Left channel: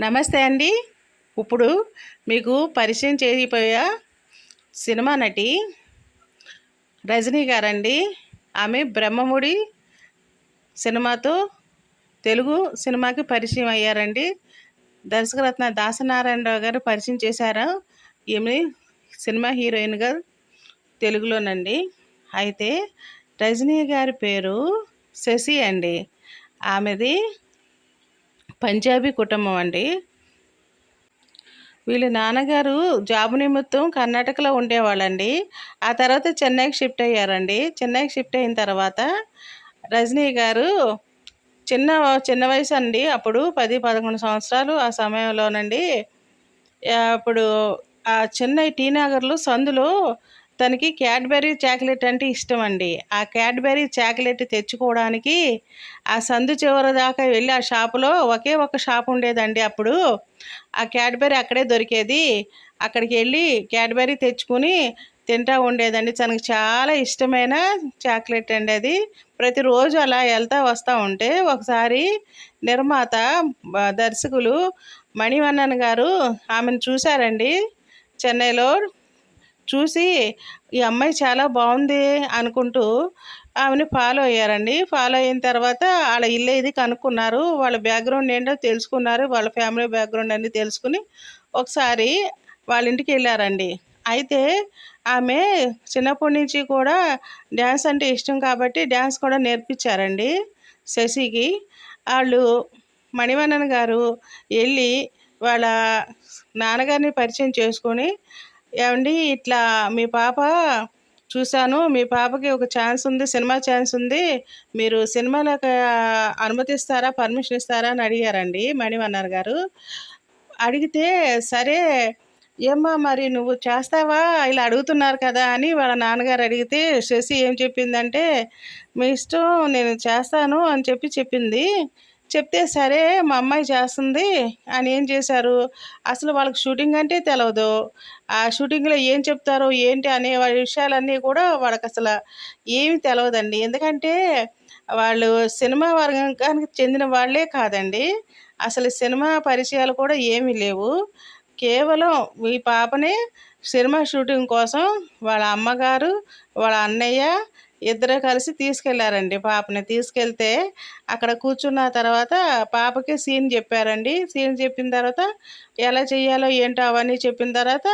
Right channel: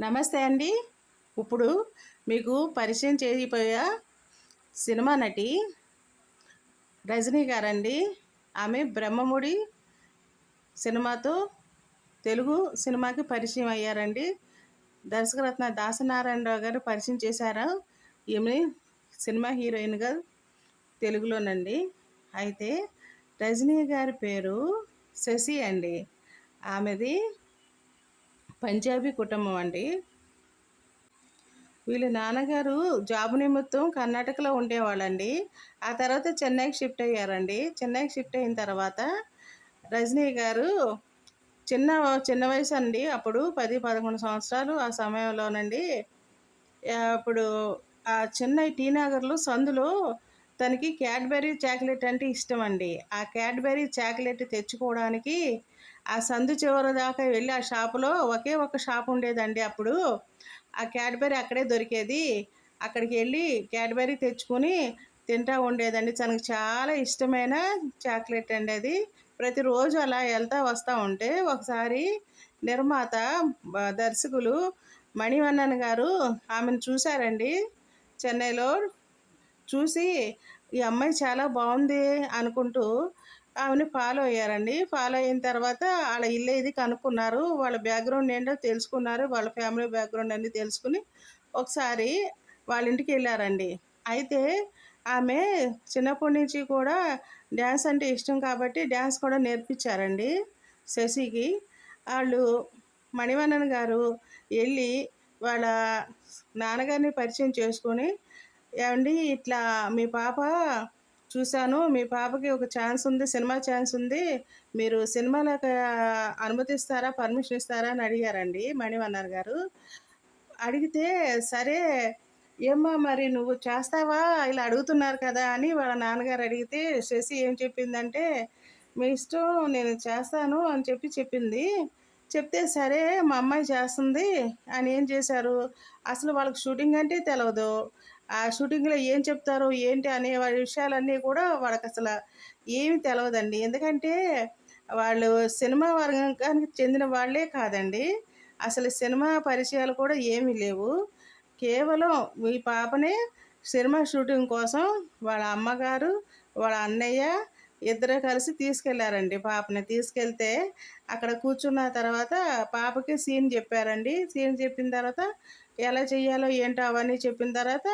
నమస్తే అండి. ఇప్పుడు మీకు పరిచయం చేయబోయే సినిమా నటి రజనీ గారండి. ఆమె బ్రహ్మముడి సినిమాతో తెలుగు సినిమాకి పరిచయం అయ్యారండి. దర్శకరత్న దాసనారాయణరావు గారు పరిచయం చేశారు ఈమె సినిమా హీరోయిన్గా తెలుగులోనండి. అయితే రజనీ గారి పేరు శశి అండి. ఆమెది పంజాబీ కుటుంబం అండి. వీళ్ళ నాన్నగారు జాబ్ నిమిత్తం కర్ణాటకలో ఉండేవాళ్ళండి. ఆ తర్వాత చెన్నైకి షిఫ్ట్ అయ్యారండి. చెన్నైకి షిఫ్ట్ అయిన తర్వాత రజనీ గారు చిన్న చిన్న వయసు అండి. అప్పుడు 10, 11 సంవత్సరాలు ఆ సమయంలోనండి. అప్పుడు ఆ చెన్నై టీ నగర్‌లో సందులో తనకి క్యాడ్బరీ చాక్లెట్ అంటే ఇష్టమండి. ఆ క్యాడ్బరీ చాక్లెట్ తెచ్చుకోవడానికి ఆ సందు చివరి దాకా వెళ్ళి ఆ షాపులో ఒకే ఒక షాప్ ఉండేదండి అప్పుడు. ఆ క్యాడ్బరీ అక్కడే దొరికేది. అక్కడికి వెళ్ళి క్యాడ్బరీ తెచ్చుకొని తింటా ఉండేదండి. తనకు చాలా ఇష్టమైన చాక్లెట్ అండి అది. ప్రతిరోజు అలా వెళ్తా వస్తా ఉంటే ఒకసారి నిర్మాత దర్శకులు మణివన్నన్ గారు ఆమెను చూశారండి చెన్నైలో. చూసి ఈ అమ్మాయి చాలా బాగుంది అనుకుంటూ ఆమెని ఫాలో అయ్యారండి. ఫాలో అయిన తర్వాత వాళ్ళ ఇల్లు ఇది కనుక్కున్నారు. వాళ్ళ బ్యాక్గ్రౌండ్ ఏంటో తెలుసుకున్నారు. వాళ్ళ ఫ్యామిలీ బ్యాక్గ్రౌండ్ అన్నీ తెలుసుకుని ఒకసారి వాళ్ళ ఇంటికి వెళ్ళారండి. అయితే ఆమె చిన్నప్పటి నుంచి కూడా డ్యాన్స్ అంటే ఇష్టం కాబట్టి డ్యాన్స్ కూడా నేర్పించారండి శశికి. వాళ్ళు మణివన్నన్ గారు వెళ్ళి వాళ్ళ నాన్నగారిని పరిచయం చేసుకొని, ఏవండి ఇట్లా మీ పాప చూశాను. మీ పాపకి ఒక ఛాన్స్ ఉంది. సినిమా ఛాన్స్ ఉంది. మీరు సినిమాలోకి అనుమతిస్తారా? పర్మిషన్ ఇస్తారా? అని అడిగారండి మణివన్నర్ గారు. అడిగితే సరే ఏమ్మా మరి నువ్వు చేస్తావా? ఇలా అడుగుతున్నారు కదా! అని వాళ్ళ నాన్నగారు అడిగితే శశి ఏం చెప్పిందంటే, మీ ఇష్టం నేను చేస్తాను అని చెప్పింది. చెప్తే సరే మా అమ్మాయి చేస్తుంది అని ఏం చేశారు, అసలు వాళ్ళకి షూటింగ్ అంటే తెలవదు. ఆ షూటింగ్‌లో ఏం చెప్తారో ఏంటి అనే విషయాలన్నీ కూడా వాళ్ళకసల ఏమి తెలవదండి. ఎందుకంటే వాళ్ళు సినిమా వర్గానికి చెందిన వాళ్ళే కాదండి. అసలు సినిమా పరిచయాలు కూడా ఏమీ లేవు. కేవలం ఈ పాపని సినిమా షూటింగ్ కోసం వాళ్ళ అమ్మగారు, వాళ్ళ అన్నయ్య ఇద్దరు కలిసి తీసుకెళ్లారండి పాపని. తీసుకెళ్తే అక్కడ కూర్చున్న తర్వాత పాపకి సీన్ చెప్పారండి. సీన్ చెప్పిన తర్వాత ఎలా చేయాలో ఏంటో అవన్నీ చెప్పిన తర్వాత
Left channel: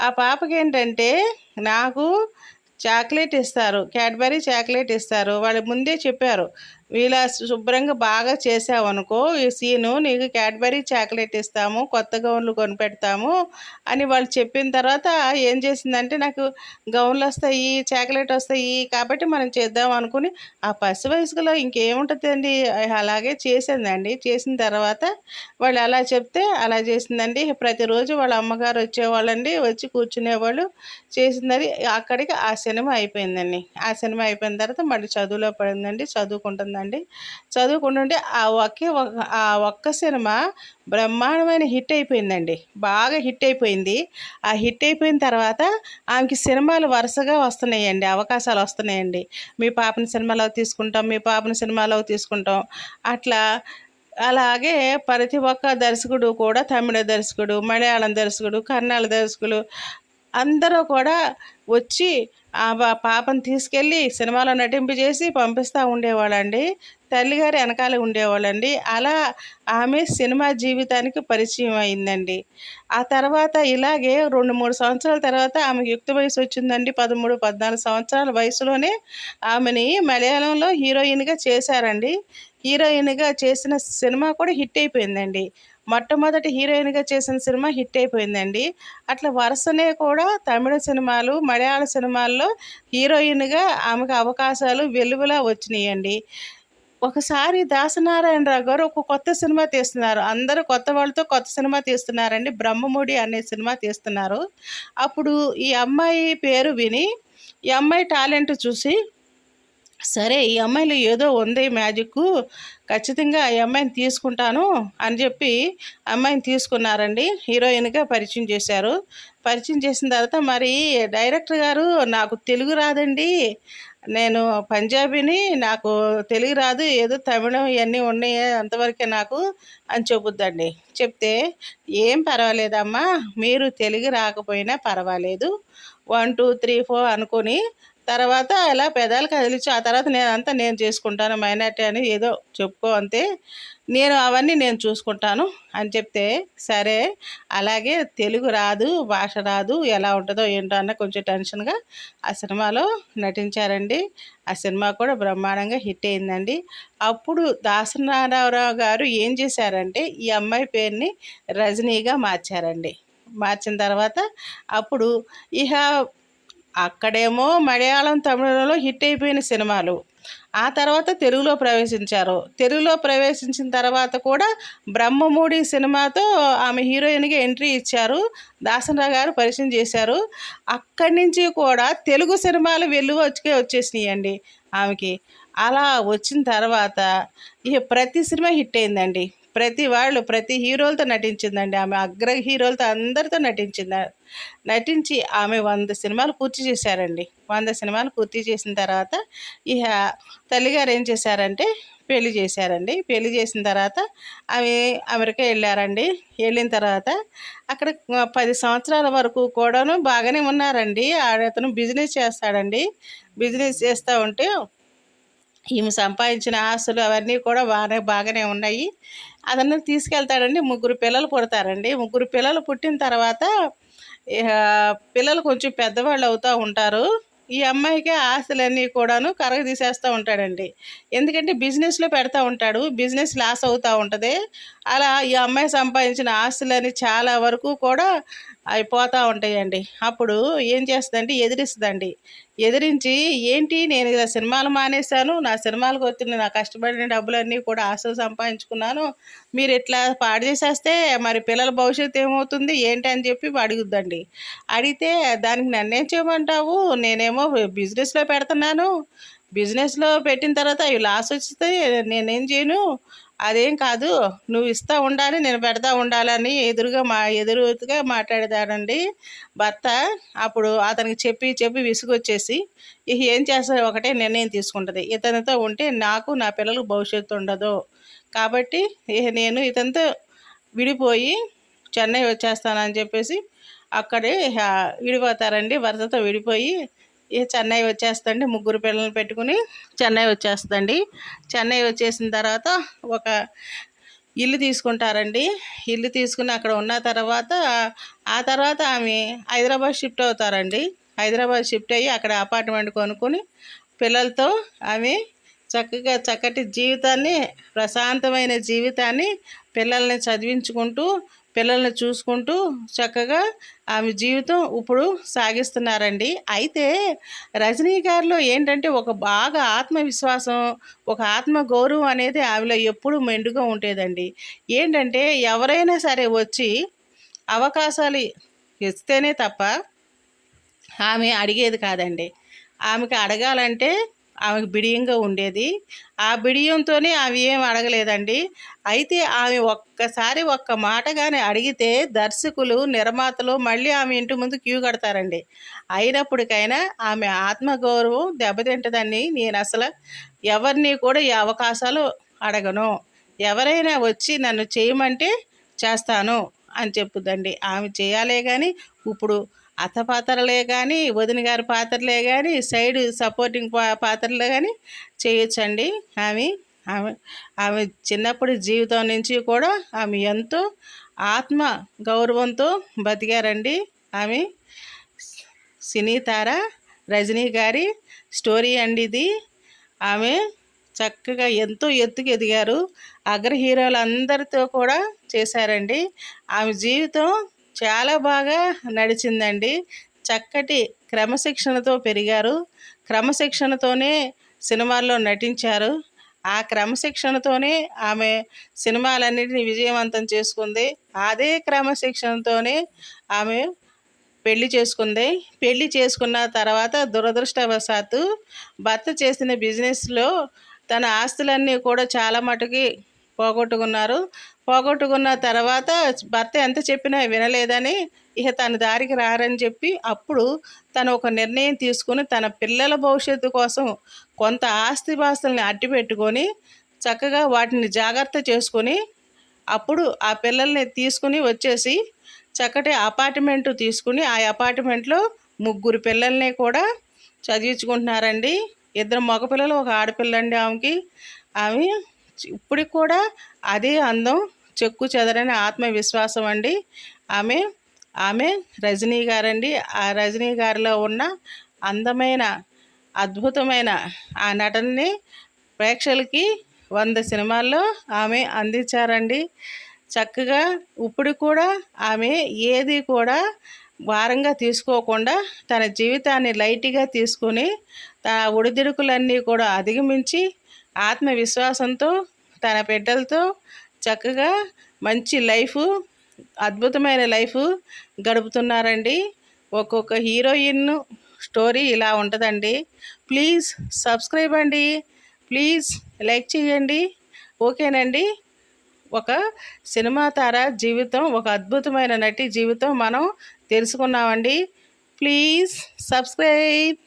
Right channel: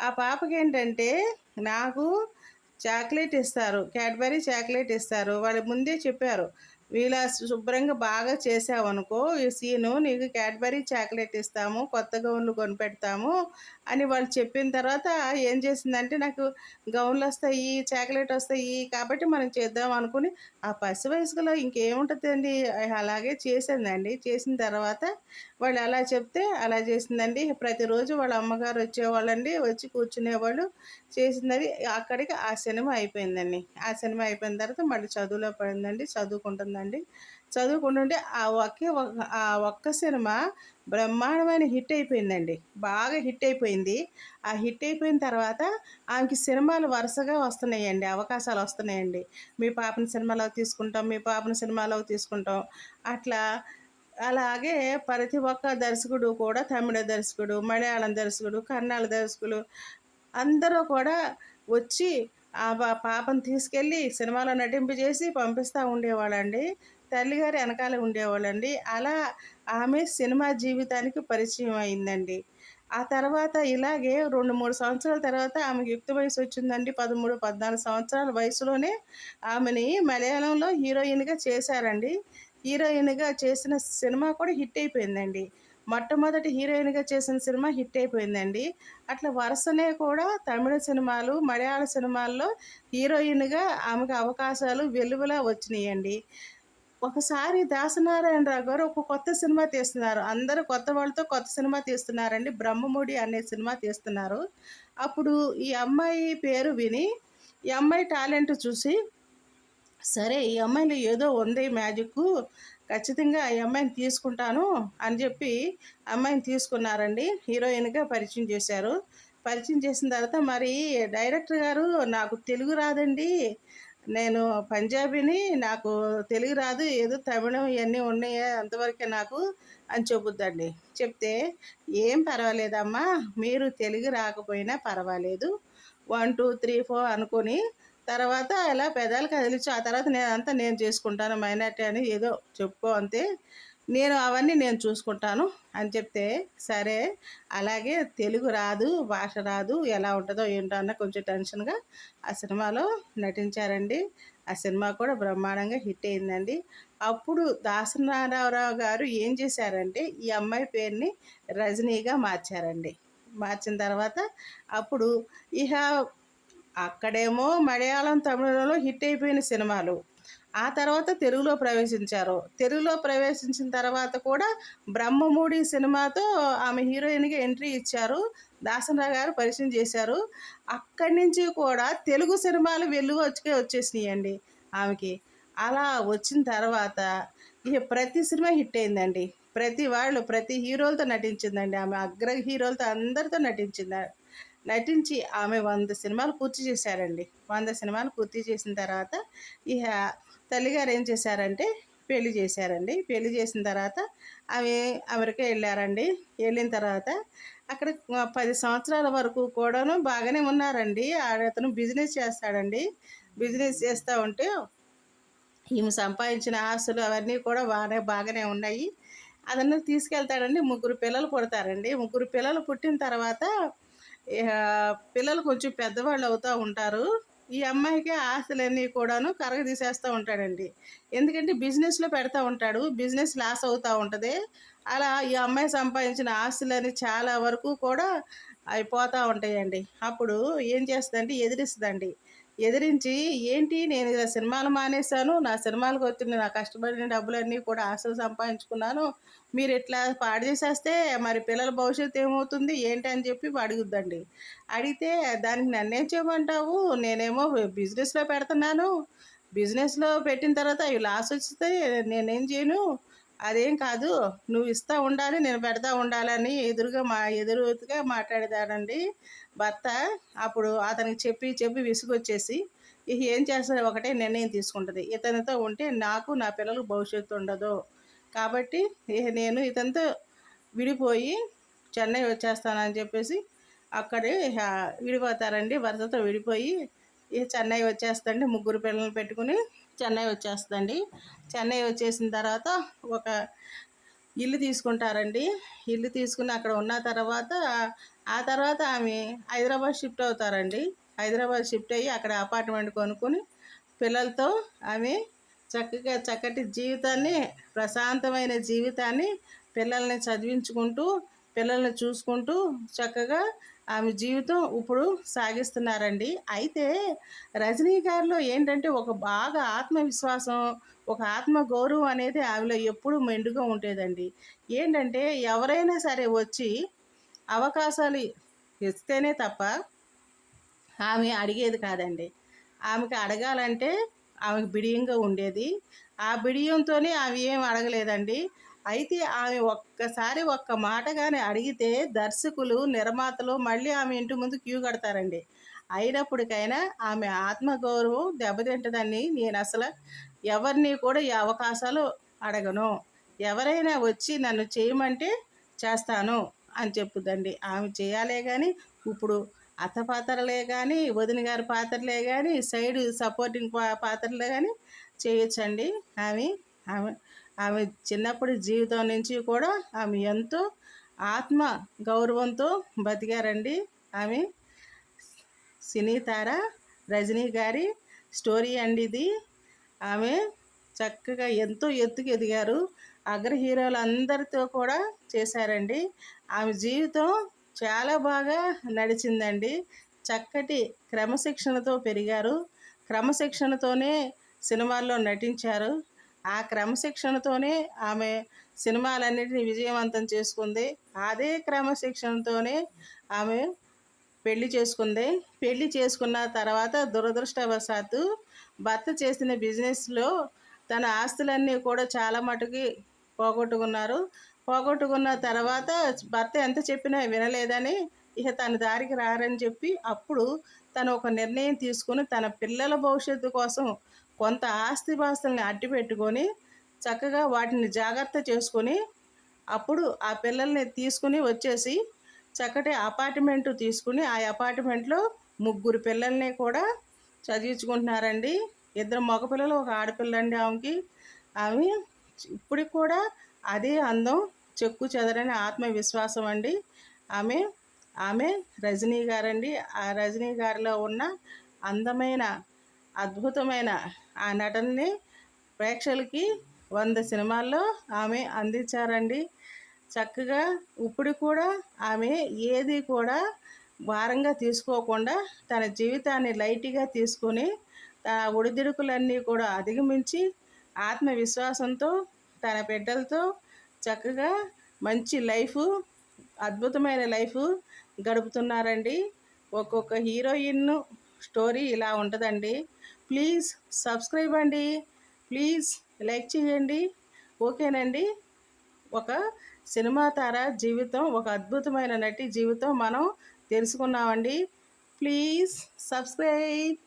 ఆ పాపకేంటంటే నాకు చాక్లెట్ ఇస్తారు. క్యాడ్బరీ చాక్లెట్ ఇస్తారు. వాళ్ళు ముందే చెప్పారు. ఇలా శుభ్రంగా బాగా చేసావనుకో ఈ సీను నీకు క్యాడ్బరీ చాక్లెట్ ఇస్తాము. కొత్త గౌన్లు కొనిపెడతాము అని వాళ్ళు చెప్పిన తర్వాత ఏం చేసిందంటే నాకు గౌన్‌లొస్తాయి, చాక్లెటొస్తాయి కాబట్టి మనం చేద్దాం అనుకుని ఆ పసి వయసులో ఇంకేముంటదండి అలాగే చేసిందండి. చేసిన తర్వాత వాళ్ళు అలా చెప్తే అలా చేసిందండి. ప్రతిరోజు వాళ్ళ అమ్మగారు వచ్చేవాళ్ళండి. వచ్చి కూర్చునేవాళ్ళు. చేసిందని అక్కడికి ఆ సినిమా అయిపోయిందండి. ఆ సినిమా అయిపోయిన తర్వాత మళ్ళీ చదువులో పడిందండి. చదువుకుంటుందండి. చదువుకుంటుంటే ఆ ఒక్క సినిమా బ్రహ్మాండమైన హిట్ అయిపోయిందండి. బాగా హిట్ అయిపోయింది. ఆ హిట్ అయిపోయిన తర్వాత ఆమెకి సినిమాలు వరుసగా వస్తున్నాయండి. అవకాశాలు వస్తున్నాయండి. మీ పాపని సినిమాలోకి తీసుకుంటాం, మీ పాపని సినిమాలోకి తీసుకుంటాం. అట్లా అలాగే ప్రతి ఒక్క దర్శకుడు కూడా తమిళ దర్శకుడు, మలయాళం దర్శకుడు, కన్నడ దర్శకులు అందరూ కూడా వచ్చి ఆ పాపను తీసుకెళ్ళి సినిమాలో నటింపజేసి పంపిస్తూ ఉండేవాళ్ళండి. తల్లిగారు ఎనకాలే ఉండేవాళ్ళండి. అలా ఆమె సినిమా జీవితానికి పరిచయం అయిందండి. ఆ తర్వాత ఇలాగే 2, 3 సంవత్సరాల తర్వాత ఆమెకు యుక్త వయసు వచ్చిందండి. 13, 14 సంవత్సరాల వయసులోనే ఆమెని మలయాళంలో హీరోయిన్‌గా చేశారండి. హీరోయిన్‌గా చేసిన సినిమా కూడా హిట్ అయిపోయిందండి. మొట్టమొదటి హీరోయిన్‌గా చేసిన సినిమా హిట్ అయిపోయిందండి. అట్లా వరుసనే కూడా తమిళ సినిమాలు, మలయాళ సినిమాల్లో హీరోయిన్‌గా ఆమెకు అవకాశాలు వెల్లువలా వచ్చినియండి. ఒకసారి దాసనారాయణరావు గారు ఒక కొత్త సినిమా తీస్తున్నారు. అందరూ కొత్త వాళ్ళతో కొత్త సినిమా తీస్తున్నారండి. 'బ్రహ్మముడి' అనే సినిమా తీస్తున్నారు. అప్పుడు ఈ అమ్మాయి పేరు విని, ఈ అమ్మాయి టాలెంట్ చూసి సరే ఈ అమ్మాయిలో ఏదో ఉంది మ్యాజిక్కు. ఖచ్చితంగా ఈ అమ్మాయిని తీసుకుంటాను అని చెప్పి అమ్మాయిని తీసుకున్నారండి. హీరోయిన్‌గా పరిచయం చేశారు. పరిచయం చేసిన తర్వాత మరి డైరెక్టర్ గారు నాకు తెలుగు రాదండి. నేను పంజాబీని, నాకు తెలుగు రాదు. ఏదో తమిళం ఇయన్నీ ఉన్నాయి అంతవరకే నాకు అని చెప్పుద్దండి. చెప్తే, "ఏం పర్వాలేదమ్మా, మీరు తెలుగు రాకపోయినా పర్వాలేదు. 1, 2, 3, 4 అనుకోని తర్వాత ఇలా పెదాలు కదిలించి ఆ తర్వాత నేను చేసుకుంటాను మైనారిటీ అని ఏదో చెప్పుకో అంతే. నేను చూసుకుంటాను" అని చెప్తే, సరే అలాగే తెలుగు రాదు, భాష రాదు, ఎలా ఉంటదో ఏంటో అన్న కొంచెం టెన్షన్‌గా ఆ సినిమాలో నటించారండి. ఆ సినిమా కూడా బ్రహ్మాండంగా హిట్ అయిందండి. అప్పుడు దాసనారాయణరావు గారు ఏం చేశారంటే, ఈ అమ్మాయి పేరుని రజనీగా మార్చారండి. మార్చిన తర్వాత అప్పుడు ఇహ అక్కడేమో మలయాళం, తమిళంలో హిట్ అయిపోయిన సినిమాలు. ఆ తర్వాత తెలుగులో ప్రవేశించారు. తెలుగులో ప్రవేశించిన తర్వాత కూడా 'బ్రహ్మముడి' సినిమాతో ఆమె హీరోయిన్‌గా ఎంట్రీ ఇచ్చారు. దాసరి గారు పరిచయం చేశారు. అక్కడి నుంచి కూడా తెలుగు సినిమాలు వచ్చేసినాయండి ఆమెకి. అలా వచ్చిన తర్వాత ఇక ప్రతి సినిమా హిట్ అయిందండి. ప్రతి హీరోలతో నటించిందండి. ఆమె అగ్ర హీరోలతో అందరితో నటించి ఆమె 100 సినిమాలు పూర్తి చేశారండి. 100 సినిమాలు పూర్తి చేసిన తర్వాత ఇహ తల్లిగారు ఏం చేశారంటే పెళ్లి చేశారండి. పెళ్లి చేసిన తర్వాత ఆమె అమెరికా వెళ్ళారండి. వెళ్ళిన తర్వాత అక్కడ 10 సంవత్సరాల వరకు కూడాను బాగానే ఉన్నారండి. అతను బిజినెస్ చేస్తాడండి. బిజినెస్ చేస్తూ ఉంటే ఈమె సంపాదించిన ఆస్తులు అవన్నీ కూడా బాగానే ఉన్నాయి. అతను తీసుకెళ్తాడండి. ముగ్గురు పిల్లలు పుడతారండి. ముగ్గురు పిల్లలు పుట్టిన తర్వాత ఇహ పిల్లలు కొంచెం పెద్దవాళ్ళు అవుతా ఉంటారు. ఈ అమ్మాయికి ఆస్తులన్నీ కూడాను కరగదీసేస్తూ ఉంటాడండి. ఎందుకంటే బిజినెస్‌లో పెడతా ఉంటాడు. బిజినెస్ లాస్ అవుతా ఉంటది. అలా ఈ అమ్మాయి సంపాదించిన ఆస్తులని చాలా వరకు కూడా అవి పోతా ఉంటాయండి. అప్పుడు ఏం చేస్తదంటే ఎదిరిస్తదండి. ఎదిరించి, "ఏంటి నేను ఇలా సినిమాలు మానేశాను. నా సినిమాలకు వచ్చిన నా కష్టపడిన డబ్బులన్నీ కూడా ఆస్తులు సంపాదించుకున్నాను. మీరిట్లా పాడు చేసేస్తే మరి పిల్లల భవిష్యత్తు ఏమవుతుంది? ఏంటి?" అని చెప్పి అడుగుద్దండి. అడిగితే, "దానికి నన్నేం చేయమంటావు? నేనేమో బిజినెస్‌లో పెడుతున్నాను. బిజినెస్‌లో పెట్టిన తర్వాత అవి లాస్ వస్తే నేనేం చేయను? అదేం కాదు. నువ్వు ఇస్తా ఉండాలి, నేను పెడతా ఉండాలని" ఎదురుగా మాట్లాడేదాడండి భర్త. అప్పుడు అతనికి చెప్పి చెప్పి విసుగొచ్చేసి ఇక ఏం చేస్తది, ఒకటే నిర్ణయం తీసుకుంటది. ఇతనితో ఉంటే నాకు, నా పిల్లలకు భవిష్యత్తు ఉండదు. కాబట్టి ఇక నేను ఇతనితో విడిపోయి చెన్నై వచ్చేస్తానని చెప్పేసి అక్కడే విడిపోతారండి. భర్తతో విడిపోయి ఇక చెన్నై వచ్చేస్తదండి. ముగ్గురు పిల్లల్ని పెట్టుకుని చెన్నై వచ్చేస్తదండి. చెన్నై వచ్చేసిన తర్వాత ఒక ఇల్లు తీసుకుంటారండి. ఇల్లు తీసుకుని అక్కడ ఉన్న తర్వాత ఆ తర్వాత ఆమె హైదరాబాద్ షిఫ్ట్ అవుతారండి. హైదరాబాద్ షిఫ్ట్ అయ్యి అక్కడ అపార్ట్మెంట్ కొనుక్కొని పిల్లలతో ఆమె చక్కటి జీవితాన్ని, ప్రశాంతమైన జీవితాన్ని పిల్లల్ని చదివించుకుంటూ, పిల్లల్ని చూసుకుంటూ చక్కగా ఆమె జీవితం ఇప్పుడు సాగిస్తున్నారండి. అయితే రజనీ గారిలో ఏంటంటే ఒక బాగా ఆత్మవిశ్వాసం, ఒక ఆత్మగౌరవం అనేది ఆమెలో ఎప్పుడూ మెండుగా ఉండేదండి. ఏంటంటే ఎవరైనా సరే వచ్చి అవకాశాలు ఇస్తేనే తప్ప ఆమె అడిగేది కాదండి. ఆమెకి అడగాలంటే ఆమెకు బిడియంగా ఉండేది. ఆ బిడియంతోనే ఆమె ఏం అడగలేదండి. అయితే ఆమె ఒక్కసారి ఒక్క మాట గాని అడిగితే దర్శకులు, నిర్మాతలు మళ్ళీ ఆమె ఇంటి ముందు క్యూ కడతారండి. అయినప్పటికైనా ఆమె ఆత్మగౌరవం దెబ్బతింటదని నేనసల ఎవరిని కూడా ఈ అవకాశాలు అడగను. ఎవరైనా వచ్చి నన్ను చేయమంటే చేస్తాను అని చెప్పుద్దండి. ఆమె చేయాలే గాని ఇప్పుడు అత్త పాత్రలే కానీ, వదిన గారి పాత్రలే కానీ, సైడ్ సపోర్టింగ్ పాత్రలే కానీ చేయొచ్చండి ఆమె. ఆమె ఆమె చిన్నప్పటి జీవితం నుంచి కూడా ఆమె ఎంతో ఆత్మ గౌరవంతో బతికారండి ఆమె. సినీ తార రజనీ గారి స్టోరీ అండి ఇది. ఆమె చక్కగా ఎంతో ఎత్తుకు ఎదిగారు. అగ్ర హీరోలందరితో కూడా చేశారండి. ఆమె జీవితం చాలా బాగా నడిచిందండి. చక్కటి క్రమశిక్షణతో పెరిగారు. క్రమశిక్షణతోనే సినిమాల్లో నటించారు. ఆ క్రమశిక్షణతోనే ఆమె సినిమాలన్నిటిని విజయవంతం చేసుకుంది. అదే క్రమశిక్షణతోనే ఆమె పెళ్లి చేసుకుంది. పెళ్లి చేసుకున్న తర్వాత దురదృష్టవశాత్తు భర్త చేసిన బిజినెస్‌లో తన ఆస్తులన్నీ కూడా చాలా మటుకి పోగొట్టుకున్నారు. పోగొట్టుకున్న తర్వాత భర్త ఎంత చెప్పినా వినలేదని ఇక తన దారికి రారని చెప్పి అప్పుడు తను ఒక నిర్ణయం తీసుకుని తన పిల్లల భవిష్యత్తు కోసం కొంత ఆస్తిపాస్తుల్ని అట్టి పెట్టుకొని చక్కగా వాటిని జాగ్రత్త చేసుకొని అప్పుడు ఆ పిల్లల్ని తీసుకుని వచ్చేసి చక్కటి అపార్ట్మెంటు తీసుకుని ఆ అపార్ట్మెంట్లో 3 పిల్లల్ని కూడా చదివించుకుంటున్నారండి. 2 మగపిల్లలు, ఒక ఆడపిల్లండి ఆమెకి. ఆమె ఇప్పటికి కూడా అదే అందం, చెక్కు చెదరని ఆత్మవిశ్వాసం అండి. ఆమె ఆమె రజనీ గారండి. ఆ రజనీ గారిలో ఉన్న అందమైన, అద్భుతమైన ఆ నటనని ప్రేక్షకులకి 100 సినిమాల్లో ఆమె అందించారండి. చక్కగా ఇప్పుడు కూడా ఆమె ఏది కూడా భారంగా తీసుకోకుండా తన జీవితాన్ని లైట్గా తీసుకొని తన ఒడిదుడుకులన్నీ కూడా అధిగమించి ఆత్మవిశ్వాసంతో తన బిడ్డలతో చక్కగా మంచి లైఫ్, అద్భుతమైన లైఫ్ గడుపుతున్నారండి. ఒక్కొక్క హీరోయిన్ స్టోరీ ఇలా ఉంటుందండి. ప్లీజ్ సబ్స్క్రైబ్ అండి, ప్లీజ్ లైక్ చేయండి. ఓకేనండి. ఒక సినిమా తార జీవితం, ఒక అద్భుతమైన నటి జీవితం మనం తెలుసుకున్నామండి. Please subscribe.